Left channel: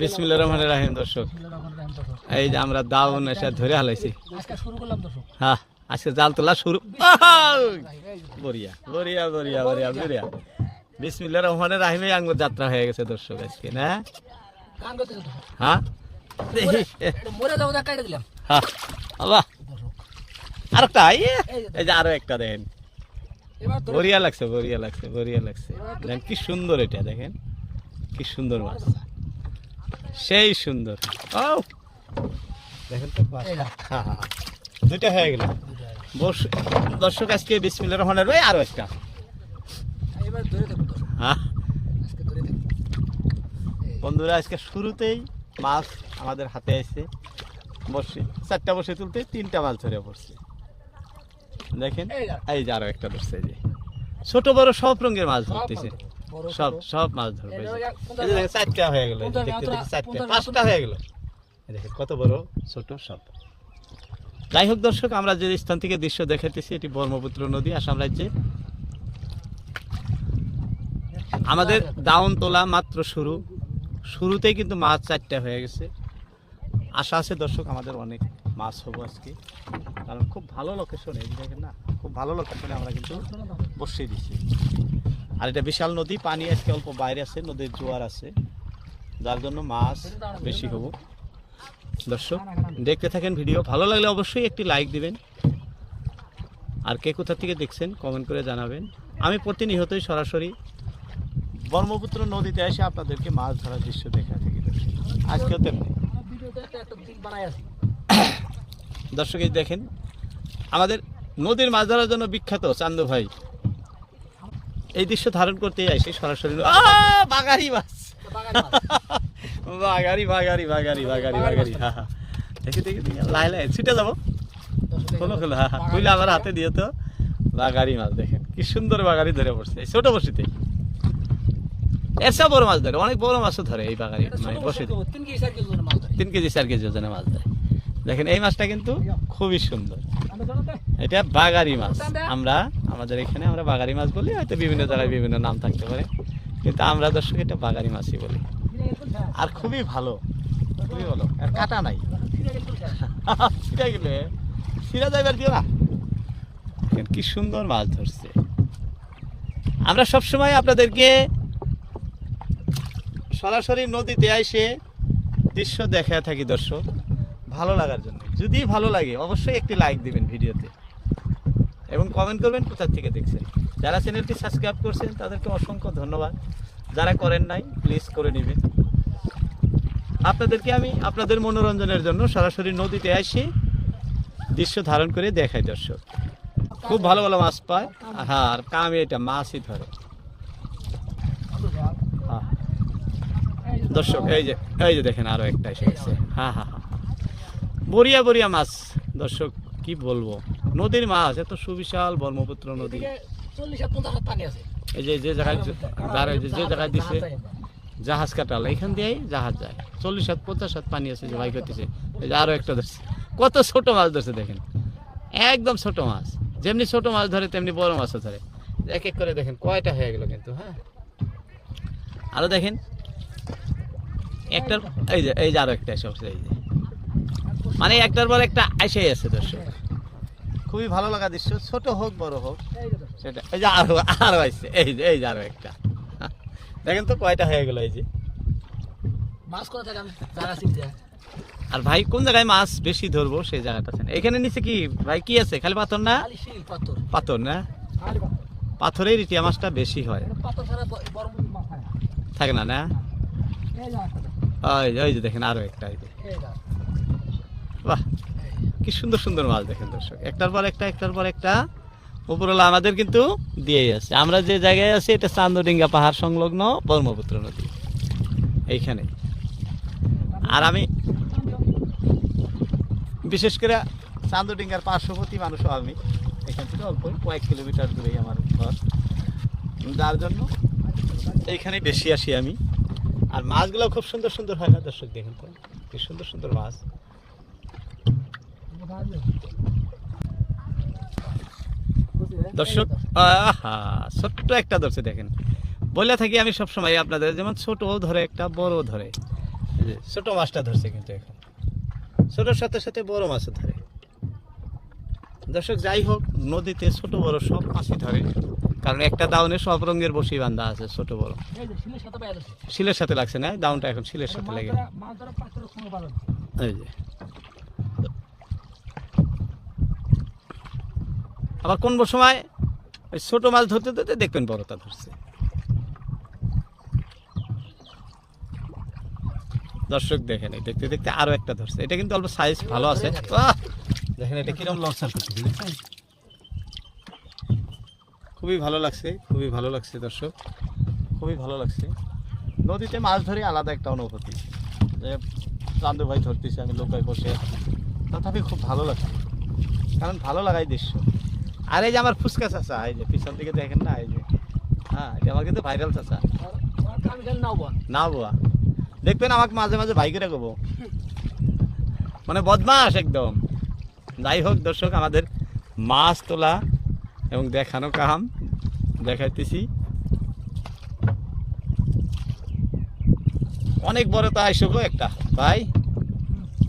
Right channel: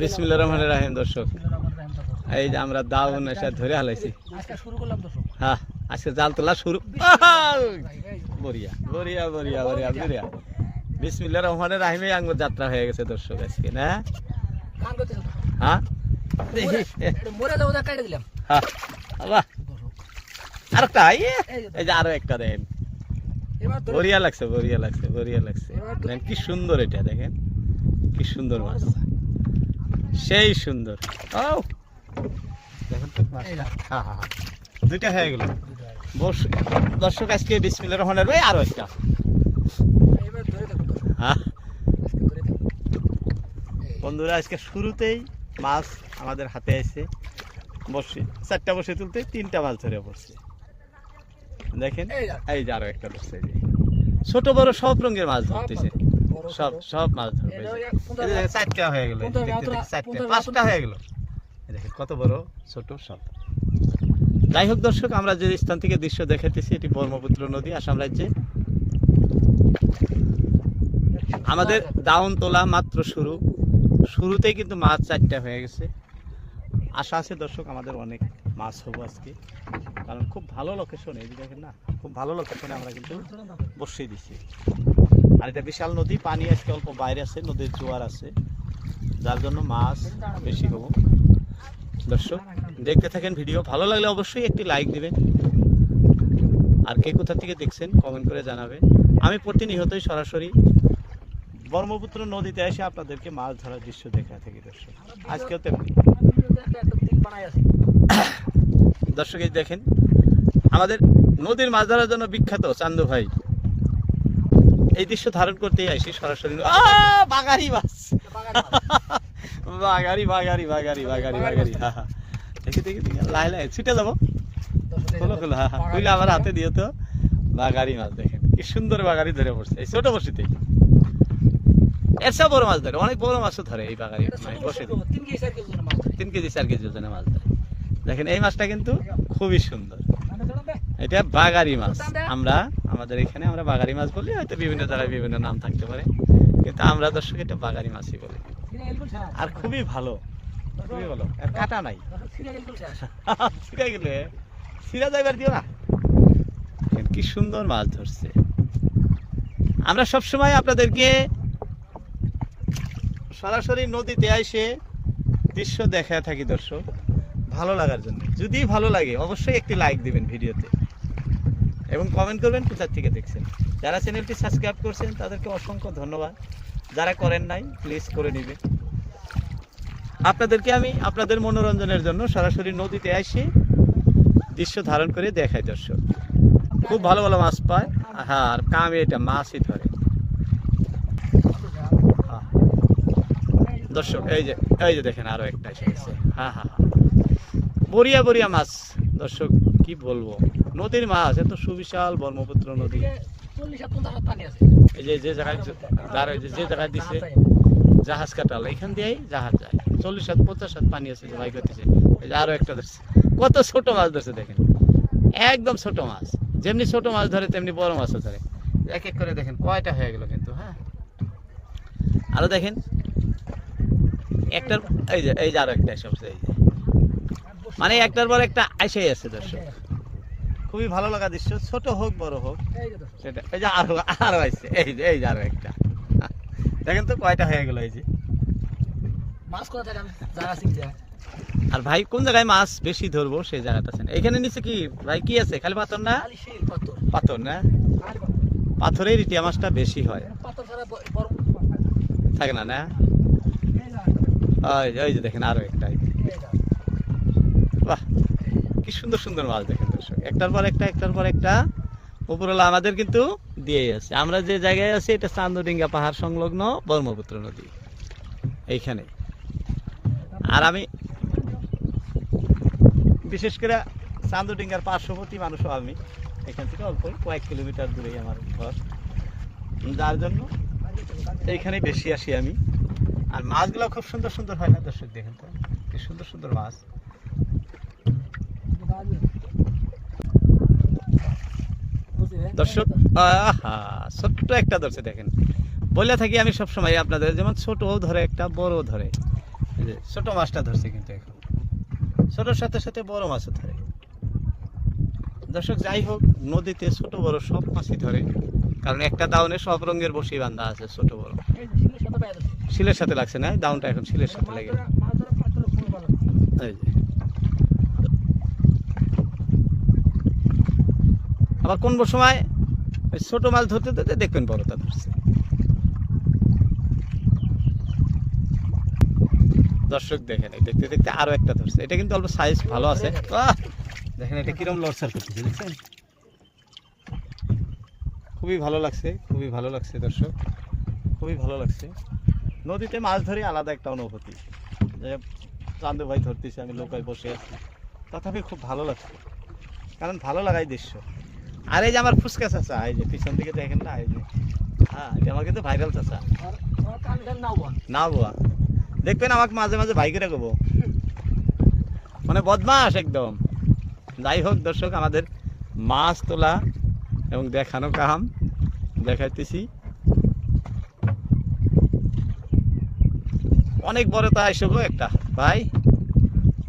বিসমিল্লাহ রহমান রাহিম দর্শক। এই যে আমরা দাউন এসে ধরে হালাইছি। হ্যাঁ আজকে জাল তোলা শুরু। বরিয়া বরিয়া বরিয়া বরিয়া বরিয়া বিসমিল্লাহ রহমান রাহিমে আঙ্গ যাত্রা হয়ে গেছে দর্শক আজকে না। হ্যাঁ? মরে- কাটে দিলাম হ্যাঁ আরেকটা এই যে, আরও একটা দেন বরিয়া লাগছে বরিয়া লাগছে বরিয়া লাগছে কি সুন্দর এটা দেখেন কি সুন্দর মাছ সেই সুন্দর ও দেখেন তো হ্যাঁ হ্যাঁ হ্যাঁ। দুইটা হয়ে গেল দর্শক আজকে বিসমিল্লাহ রহমানের ভাই আরও একটা বন্ধুরা আজকে শুরুতেই মাছ আমাদের হাতে আছে বসে চারটা বসে তুলতে তিনটা মাছ ধরে পড়ছে। দেখেন এই যে। আরও একটা ধরছে। ছোট বড় সব রঙের মাছ ধরতেছে। সব সব মাছ ধরবে। চারটা হয়ে গেল দেখতে দেখতে চারটা পাঁচটা হয়ে গেল। এই দেখেন কত বড় ছোট সব। যাই হোক দর্শক আমরা যে স্থান থেকে দৃশ্য দেখাতেছি এটি ব্রহ্মপুত্র নদী আসাম রাজ্যে। আমাদের দাউন তোলা মাত্র শুরু। শুরুতেই কিন্তু মাছ চারটা হয়ে গেছে। আশা আছে দর্শক, আমাদের অনেক মাছ হব আজকে। কারণ খুব ভালো লোকেশনে এই দেখেন না, খুব ভালো লোকেশনে আমরা কিন্তু বসিয়ে দিচ্ছি আর এটা বিশাল নদী, পানি আজকে অল্প বাইরে আছে, নদীর জোয়ার আছে। যার জন্য মাছ বেশি হব। দর্শক, দেখতে থাকেন ভিডিও। ভালো লাগলে অবশ্যই একটি লাইক দিবেন। আর কে কোথা থেকে দেখছেন কমেন্ট করে জানাবেন। আমি প্রতিনিয়তই সরাসরি ব্রহ্মপুত্র নদীতে এসে আপনাদেরকে মাছ ধরার দৃশ্য দেখা থাকি আজকেও আছে। দর্শক দেখেন, আমাদের নদীর মাছ ধরার জন্য বিখ্যাত চান্দু ভাই। এই দৃশ্য ধারণ করতেই আসি সরাসরি বাগারি মাছ। বাগারি বাগারি বাগারি বাগারি বাগারি হ্যাঁ হ্যাঁ দেখি দেখি দেখি। লাই লাই ছুটে যাব। আমার হাতে দিয়ে তো। বাগারি মাছ, দেখেন, কি সুন্দর বাগারি ধরে পড়ছে। এই ছোট বসিতেই। এর চেয়ে বড় মাছ ধরে অনেক বড় মাছও ধরে এই ছোট মানে বসে তিন কেজি, চার কেজি ওজনে মাছ ধরে। দেখেন এই মাছটা কিন্তু খুবই সুন্দর। এটা বাগারি মাছ। আমরা আমাদের এখানে আমরা বাগারি মাছ বলি হয়তো বিভিন্ন জায়গায় বিভিন্ন নাম থাকতে পারে। কিন্তু আমরা দর্শক এটা বাগারি মাছই বলি। আর খুবই ভালো খুবই ভালো। আর কাটা নাই। ছিঁড়া গেলে ছিঁড়া যাইবার কেউ না। কি সুন্দর মাছ ধরছে। আমরা সবসময় আপনাদেরকে সরাসরি নদীতে এসে দৃশ্য দেখা থাকি দর্শক। ভালো লাগার জন্য। যদি ভালো লাগে, অবশ্যই একটি লাইক দিবেন ভিডিওতে। এবং কমেন্ট করবেন কোথার থেকে দেখছেন। যারা চ্যানেলটি সাবস্ক্রাইব করছেন, তাদেরকে অসংখ্য ধন্যবাদ। যারা করেন নাই প্লিজ করে নেবেন। আপনাদেরকে আমি আপনাদের মনোরঞ্জনের জন্য সরাসরি নদীতে এসে দৃশ্য ধারণ করে দেখাই দর্শক। খুব ভালো ভালো মাছ পায়। হ্যাঁ আর কামে এটা মাছই ধরে হ্যাঁ। দর্শক এই যে এই যে দেখেন আরও একটা এসে গেছে। হ্যাঁ হ্যাঁ হ্যাঁ বরিয়া বরিয়া মাছ। দর্শক কি বলব? নদীর মাছ এত সুবিশাল ব্রহ্মপুত্র নদী। এই যে যে জায়গায় যে যে জায়গায় দিছে জাহাজ কাটাল এখান দিয়েই জাহাজ যায়। চল্লিশ হাত পঞ্চাশ হাত পানি আছে যে ভাই করতেছে এই যে আরও একটা ধরছে। কত ছোট মাছ ধরছে দেখেন। একদম ছোট মাছ। যেমনি ছোট মাছ ধরে তেমনি বড় মাছও ধরে। এক এক করে দেখেন কয়টা হয়ে গেল কিন্তু হ্যাঁ? আরও দেখেন। একটার এই যে এই যে আরও একটা এসে এই যে। মানে একটার পর একটা আইসাই আছে দর্শক। খুবই ভালো লাগা দৃশ্য ছোট হোক বড় হোক। এই যে সেটা। এই যে আরও আরও আসছে এই যে এই যে আরও একটা। দেখেন তো কয়টা হয়ে গেল এই যে। মাছ কোথা থেকে। আর ভাই কোন জায়গায় মাছ বেশি ধরবো সেই জায়গাটা আছেন? এখানে নিচে কি ভাই কি আছে? খালি পাথর না? পাথর। পাথর না। পাথরের রিটিয়া মাছটা বেশি হয়। থাকে না। না না? এই যা, ওই যে- দেখেন আরও একটা কি সুন্দর সুন্দর মাছ দেখেন একটার পর একটা, একটার পর একটা। উপরওয়ালা আমাদের কিন্তু দিয়েই আছে। আমরা যে জায়গায় আছি, এটা চান্দডিঙ্গা পাহাড় সংলগ্ন ব্রহ্মপুত্র নদী। এইখানে। আর আমি বিশেষ করে চান্দডিঙ্গার পার্শ্ববর্তী মানুষও আমি। এখান থেকে অল্পই, কয়েক কিলোমিটার দূরেই আমার ঘর। যার জন্য এইখানে বেশি আসি আমি। আর মাছগুলো খুব সুন্দর সুন্দর হয় না, দর্শক দেখেন তো? কি সুন্দর সুন্দর মাছ। দর্শক, আহা, ছোট্ট একটা ধরছে, দেখেন। বলে থাকি আমি সব সময় আপনাদের, যেমন ছোট ধরে, একটা বড় ধরে। ছোট মাছটা ধরছে কিন্তু এখন। ছোটোর সাথে সাথে বড় মাছও ধরে। দর্শক, যাই হোক, নদীতে ছোট বড় সব মাছই ধরে। কারণ একটা দাউনে সব রঙের বসি বান্ধা আছে ছোট বড়। শিলের সাথে লাগছে না দাউনটা এখন শিলের সাথে লেগে। আবার কোন সময় ওই ছোট মাছ ধরতে ধরতে দেখবেন বড়টা ধরছে। দর্শক দেখেন এই দেখতে দেখতে আরও একটা ধরছে। এটা কিন্তু অল্প সাইজ ভালো আছে। দেখেন এটা কিরম লড়সার করতেছে দেখছেন খুবই ভালো লাগছে, খুবই ভালো লাগছে দর্শক, খুবই ভালো লাগছে। নদীতে মাছ ধরে আলাদা একটা অনুভূতি, যে চান্দু ভাই ধরতেছে, আমি লোকায় বসে আছি। তথাপি খুব ভালো লাগছে, কারণ ভালো লাগাই দৃশ্য। আর এই যে আমার ফুচকা চাচা, এই যে পিছন দিকে দেখেন না, এই যে হ্যাঁ আমার কিন্তু ভাইরাল চাচা। না বুয়া দেখবেন আমাকে মাঝে মাঝে ভাই করে কব মানে বদমাস একদম। যাই হোক দর্শক, আমাদের মাছ তোলা এবং দেখানো কাহাম দেখাইতেছি। অনেক বড় তা আইসো গো একটা ভাই।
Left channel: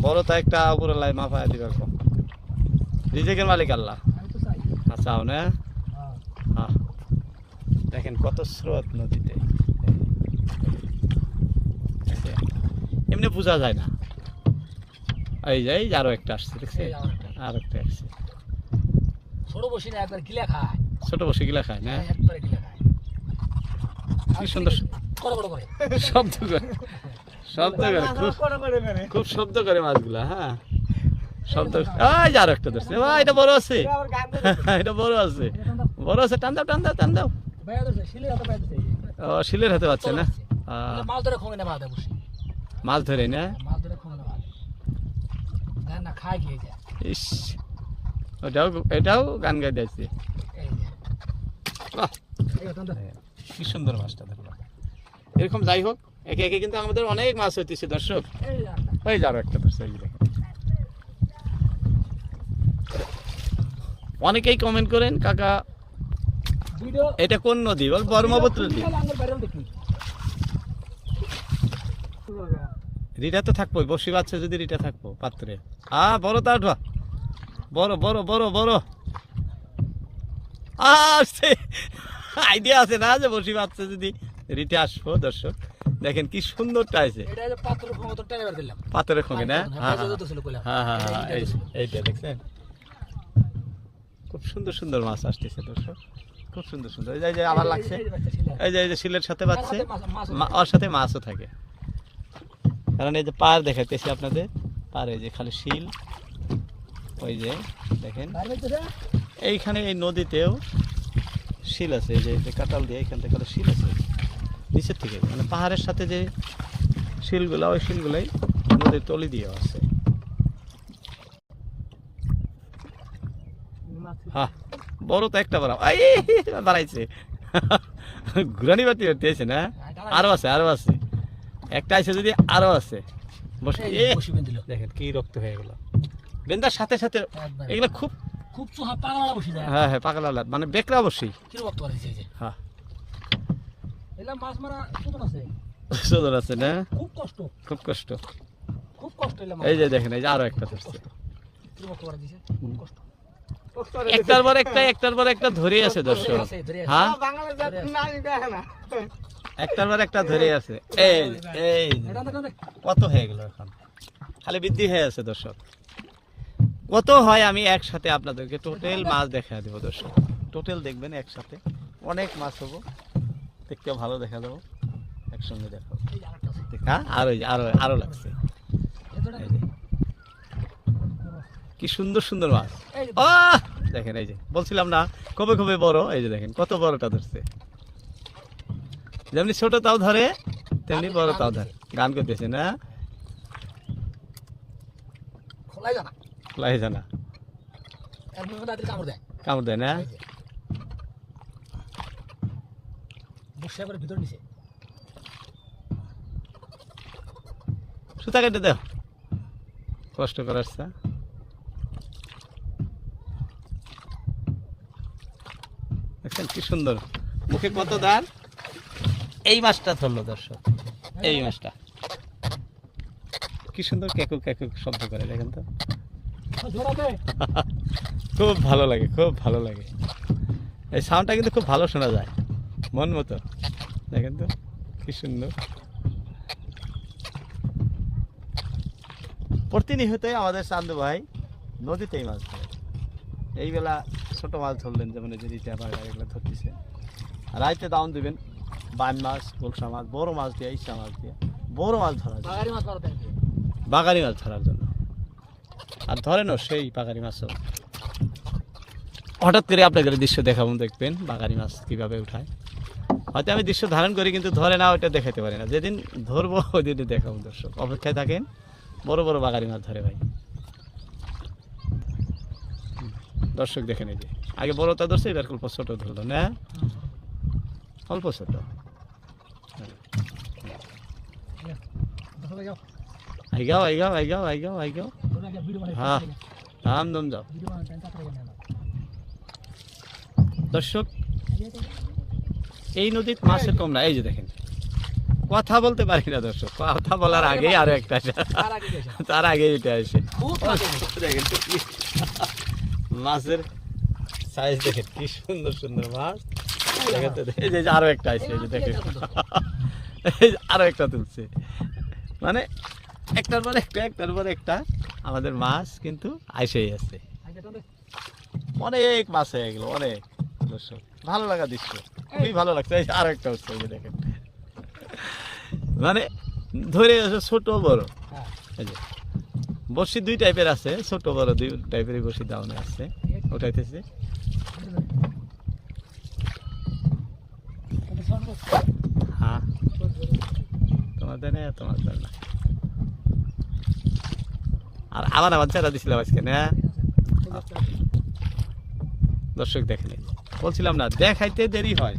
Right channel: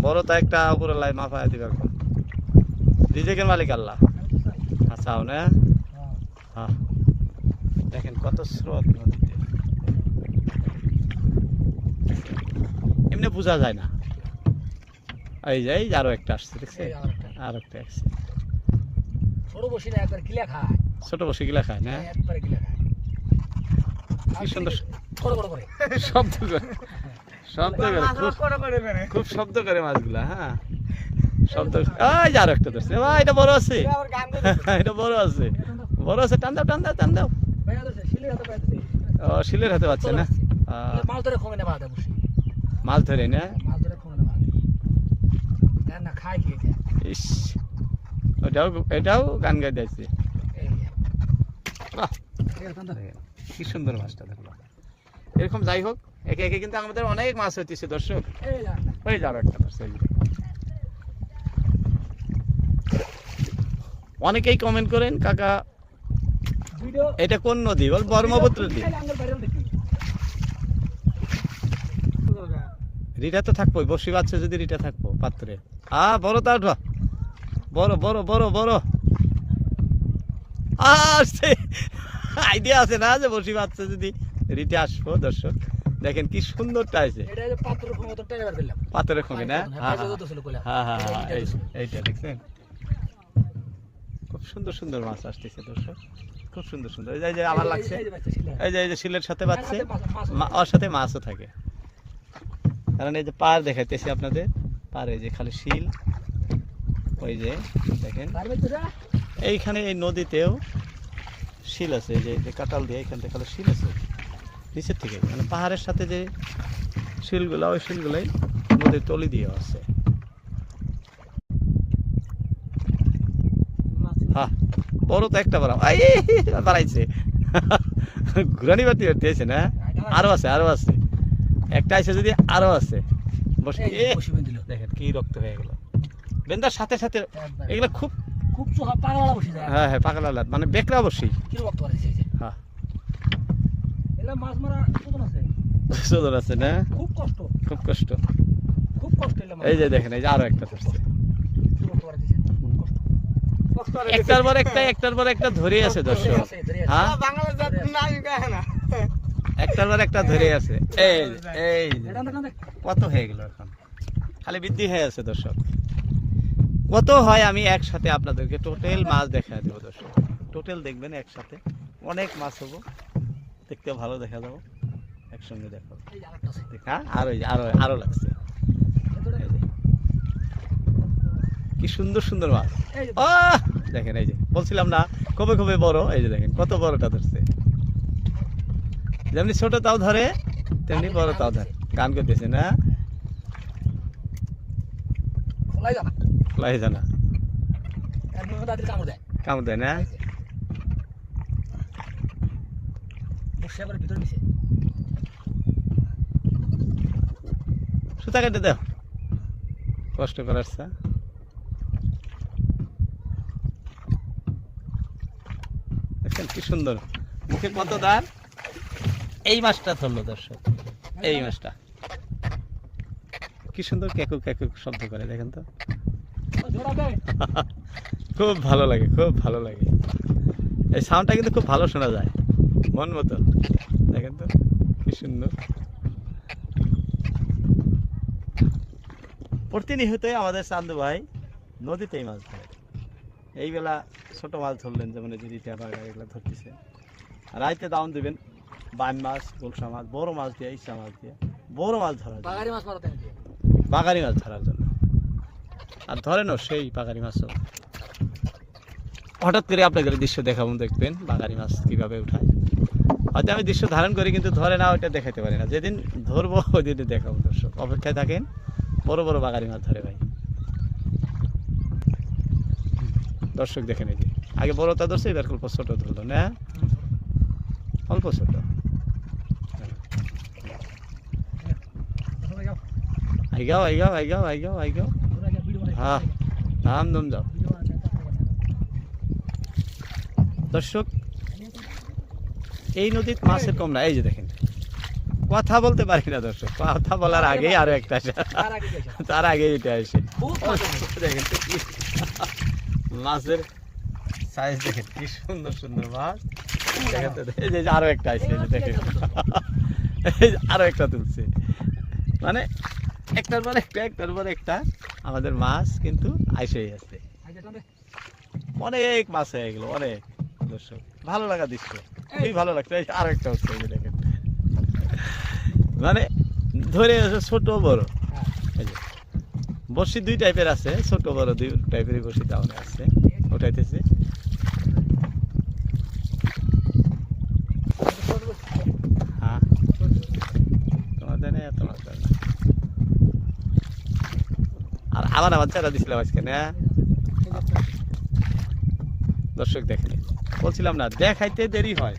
বড় তা একটা উপরে লাই মাফায় দিবে এখন। রিজেকের মালিক আল্লাহ। আচ্ছাও না? হ্যাঁ। দেখেন কত স্রোত নদীতে। এমনি বোঝা যায় না। এই যে এই যে আরও একটা আসছে দেখছে আর একটা আসছে। ছোট বসি না একবার গিলা খায়। ছোট বসে গিলা খায় না? একবারে গিলা খায়। কি সুন্দর বড় বড় করে। শব্দ করে। শব্দ করে খুব খুব শব্দ করে মাছগুলা হ্যাঁ। শব্দ একটা ধরছে। ভাই এটা বড় আছে। এটা বড় আছে। বড় আছে টান দাও টান দাও টান দাও। ও শিলের হাতে পাচ্ছে না? মাছ ধরে খোঙে না বসি। মাছ ধরে না? মাছ ধরে খোঙে না খায় খেয়ে যায়। ইস। ওটাও এটাও গান গাই দিয়েছে এই যে বাহ। এরকম তো কি সুন্দর মাছটা, দেখো এরকম যাই হোক, একে একে কিন্তু আমাদের অনেক মাছ হইতেছে, দর্শক। এই যে একটা। অনেকেই কমেন্ট করেন, কাকা, এটা কোন নদী? বল ব্রহ্মপুত্র নদী রিটা তো থাকব বসি বাচ্চা যদি রিটা থাকব, পাত্রে। আ, বড় তা উঠা বড় বড় বড় বড়। আসছে। আইডিয়া আছে না যে বসি বাচ্চা যদি রিটে আসব দর্শক। দেখেন কি সুন্দরটা আছে এটা যে পাত্র ক্ষমতা টেনে বের দিলাম পাথরে খোঁগে না? হ্যাঁ হ্যাঁ হ্যাঁ। হ্যাঁ এইটা দেখছেন? খুব সুন্দর সুন্দর মাছ আসতেছে দর্শক। খুব সুন্দর সুন্দর। এই যে- আবার লাগছে। এই যে এই যে শিলের সাথে বাচ্চে। ওর সাথে মাছও থাকে। কারণ এই যে পার দেখাইতেছি আপনাদের। পার এই যে খালি শিল। ওই যে দেখেন। এইখানে এই নদীতেও শিল আছে যে যে কাটাল দিয়ে এখান থেকে শিল আছে। নিচের থেকে মানে পাহাড়ের সাথে যে শিলগুলা ওই শিলগুলাই নদীর তলি দিয়ে আছে। হ্যাঁ বড় তো একটা আই বাড়াইছে। ঘুরানি বাতি দিয়েছে না? আরও আছে আরও আছে। একটা আছে যদি আরও আছে। বসে দেখেন কি রক্ত হয়ে গেল। বেন্দার সাথে সাথে এগুলো খুব খুব পাগলা বসে যায়। হ্যাঁ হ্যাঁ পাগলা লাট মানে বেকরা বসি হ্যাঁ। মাছ মারা আছে? সুন্দর আছে না? খুব কষ্ট। খুব কষ্ট। খুব কষ্ট এই যে দেখেন এই যে আরও একটা ধরছে। কি রকম করে দিছে খুব কষ্ট। কষ্ট আর একটার পর একটা একটার পর একটা ধরে আছে দর্শক। হ্যাঁ? একটার পর একটা ধরে আছে। এই এই কত হয়ে গেল এখন? খালি বৃদ্ধি হয়ে আছে দর্শক। কত হয় আমি একসাথে আপনাদেরকে টোটাল মাছ দেখা দেবো দর্শক। টোটাল দেখবেন একসাথে। অনেক মাছ হব। দেখতে ভালো দেখা যাব একসঙ্গে দেখাবো। আরেকটা হ্যাঁ? আরও আরও আরও লাগছে। কি সুন্দর সুন্দর মাছ। আহ! দেখেন এই যে। বলছিলাম না কবে কবে বড়। এই যে দেখেন কত বড়টা ধরছে। যেমনি ছোট তাও ধরে তেমনি বড় তাও ধরে। গান করতেছে না? খোলাই লাই জানা কামড় দেয় না? সুতা কেটে দেও কষ্ট করার দেখছেন কি সুন্দর। মুখে কত দার এই মাছটা ধরলো দর্শক। এই মাছটা। কি সুন্দর কেকু কেকু শব্দ করে দেখেন তো। খুব ভালো লাগে, খুব ভালো লাগে। এই সাউন্ডটা কিন্তু খুব ভালো শোনা যায়, মন মতো। দেখেন তো, কি সুন্দর। প্রতিনিয়তই আমাদের চান্দু ভাই নদীতেই মাছ ধরে। এই বেলা ছোট মাছ ধরলেন, যেমন যে রিটা বাগা এগুলো ধরতেছে। রাইতে দাউন দিবেন, বান মাছ, গোলসা মাছ, বড় মাছ দিয়ে, ইচ্ছা মাছ দিয়ে। বড় মাছ ধরার বাগারি মাছ ধরার জন্য। আর ধরেনও সেই বাগারি মাছও হঠাৎ করে আপনাদের দৃশ্য দেখাবো, দেখবেন বাগারি মাছ কীভাবে উঠায়। হয়তো আমি দৃশ্য ধারণ করি, কিন্তু ধরে না, ওইটা দেখাতে পারি না। যেদিন ধরবো ওই দিনে দেখাবো দর্শক। অপেক্ষায় থাকেন, বড় বড় বাগারি মাছ ধরে ভাই। দর্শক দেখেন এই যে, আগে বড়টা ধরছে, এবার অল্প ছোট ধরলো, না? অল্প ছোট। আইগাও আইগাও আইগাও আইগাও আইগাও তোরা কি ভিডিও বানাই হ্যাঁ। নাম দম যাও দর্শক, এই নদীর মাছের কম না, এই যে দেখেন। কথা বলতে পারি না দর্শক, কথা বলার আগেই আরও একটা তার আগে এটা আসে। দেখেন মাছের সাইজ দেখেন, কি সুন্দর সুন্দর মাছ। আরও একটা আসছে দেখেন। আরও একটা তুলছে। মানে একটার পর একটা একটার পর একটা আমাদের মাছ কিন্তু আইসেই আছে। অনেক মাছ হয়ে গেল অনেক। দর্শক ভালো লাগা দৃশ্য। খুবই ভালো লাগছে। এই আর একটা হচ্ছে এই যে দেখেন। মানে ধরে আছে ছোট বড়। হ্যাঁ। এই যে বড়শি দুই টাইপের আছে ছোট বড় দুই টাইপের বড়শি দাউনে আছে। ওটাইতেছে হ্যাঁ তোমাদের নেই তোমার না আর আবার আমার চেরা দিছিলাম আজকে না? দর্শক দেখেন বলছিলাম না দেখাইতে দেরি হয়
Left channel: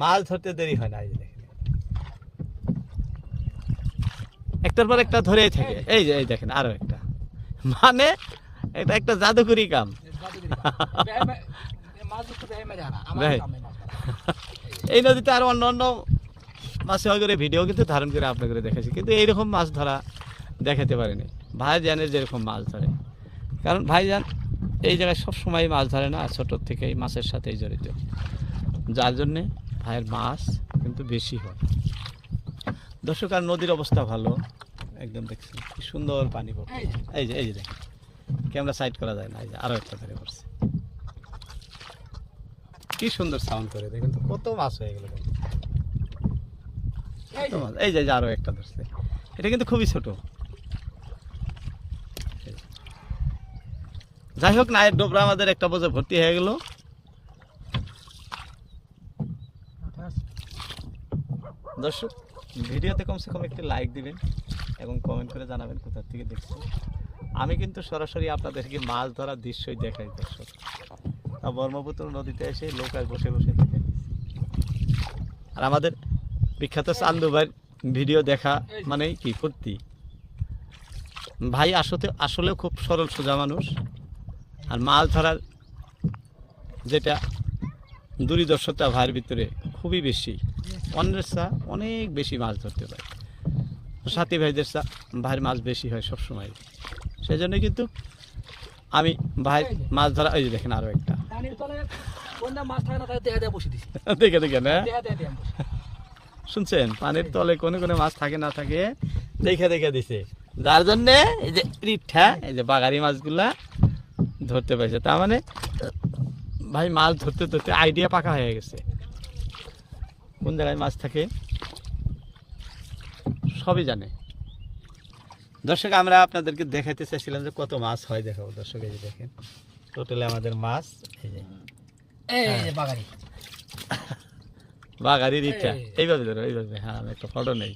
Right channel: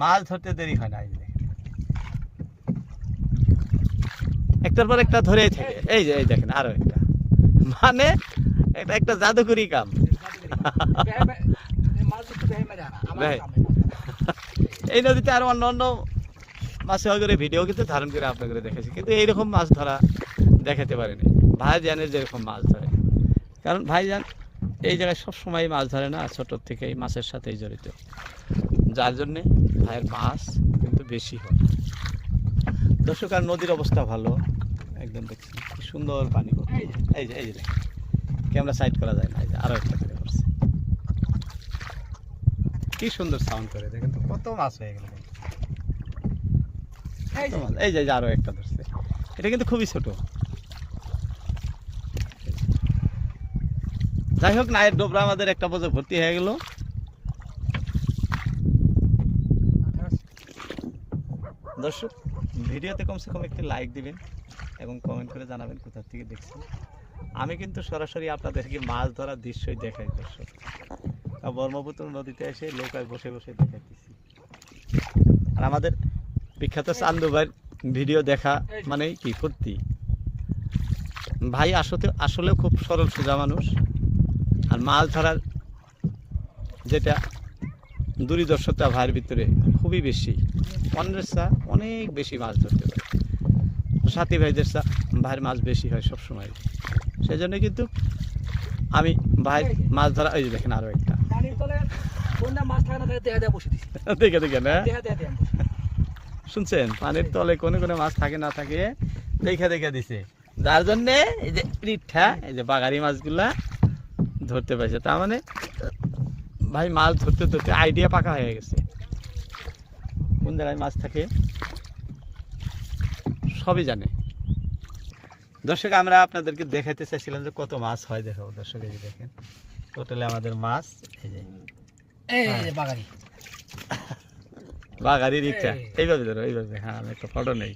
মাছ ধরতে দেরি হয় না একটার পর একটা ধরেই থাকে। এই যে এই দেখেন আরও একটা। মানে এটা একটা জাদুকরি কাম। এই নদীতে আরও অন্য অন্য মাছ করে ভিডিও কিন্তু ধারণ করে আপনাকে দেখেছি কিন্তু এইরকম মাছ ধরা দেখাতে পারেনি। ভাইজানের যেরকম মাছ ধরে। কারণ ভাইজান এই জায়গায় সব সময় মাছ ধরে না ছোটোর থেকেই মাছের সাথেই জড়িত। যার জন্যে ভাইয়ের মাছ কিন্তু বেশি হয়। দর্শক আর নদীর অবস্থা ভালো। একদম দেখছেন কি সুন্দর পানি পড়ছে। এই যে এই যে ক্যামেরা সাইড করা যায় না এই যে আরও একটা ধরে পড়ছে। কি সুন্দর সাউন্ড করে দেখেন তো কত মাছ হয়ে গেল এই যে, মাছ। এই যে যে আরও একটা ধরছে। এটা কিন্তু খুবই ছোট। যাই হোক নায়ের ডোবরা আমাদের একটা বোঝে ভর্তি হয়ে গেল। দর্শক, ভিডিওতে কমসে কম একটি লাইক দিবেন এবং কমেন্ট করে জানাবেন কোথা থেকে দেখছেন। আমি কিন্তু সরাসরি আপনাদেরকে মাছ ধরার দৃশ্যই দেখাই, দর্শক। ব্রহ্মপুত্র নদীতে এসে লোকায় বসে বসে দেখাই আর আমাদের বিখ্যাত চান্দু ভাইয়ের ভিডিও দেখা মানেই কি ফুর্তি ভাই আসতে আসলে খুব সরল সোজা মানুষ। আর মাছ ধরার যেটা দূরদর্শতা ভাইয়ের ভিতরে খুবই বেশি। অন্যের চা অনেক বেশি মাছ ধরতে পারে। সাথী ভাইদের চা ভাইয়ের মাছ বেশি হয় সব সময় সেই জন্য কিন্তু আমি ভাই মাছ ধরা এই যে দেখেন আরও একটা। দেখে দেখে না? শুনছেন? পানির তলে কোনো কোনো মাছ থাকে না থাকে দেখে দেখে দিছে। যার জন্যে এই যে রিঠা এই যে বাগারি মাছগুলা ধরতে পারছে। তার মানে ভাই মাছ ধরতে ধরতে আইডিয়া পাকা হয়ে গেছে। কোন জায়গায় মাছ থাকে? সবই জানে। দর্শক আমরা আপনাদেরকে দেখাতে চাইছিলাম যে কত মাছ হয়। দেখাবো দর্শক এই যে দেখেন। টোটালে আমাদের মাছ এই যে। এই বাগারি বাগারি রিঠা এই। এইভাবে ধরো এইভাবে। হ্যাঁ আমি একটা ফটো নেই।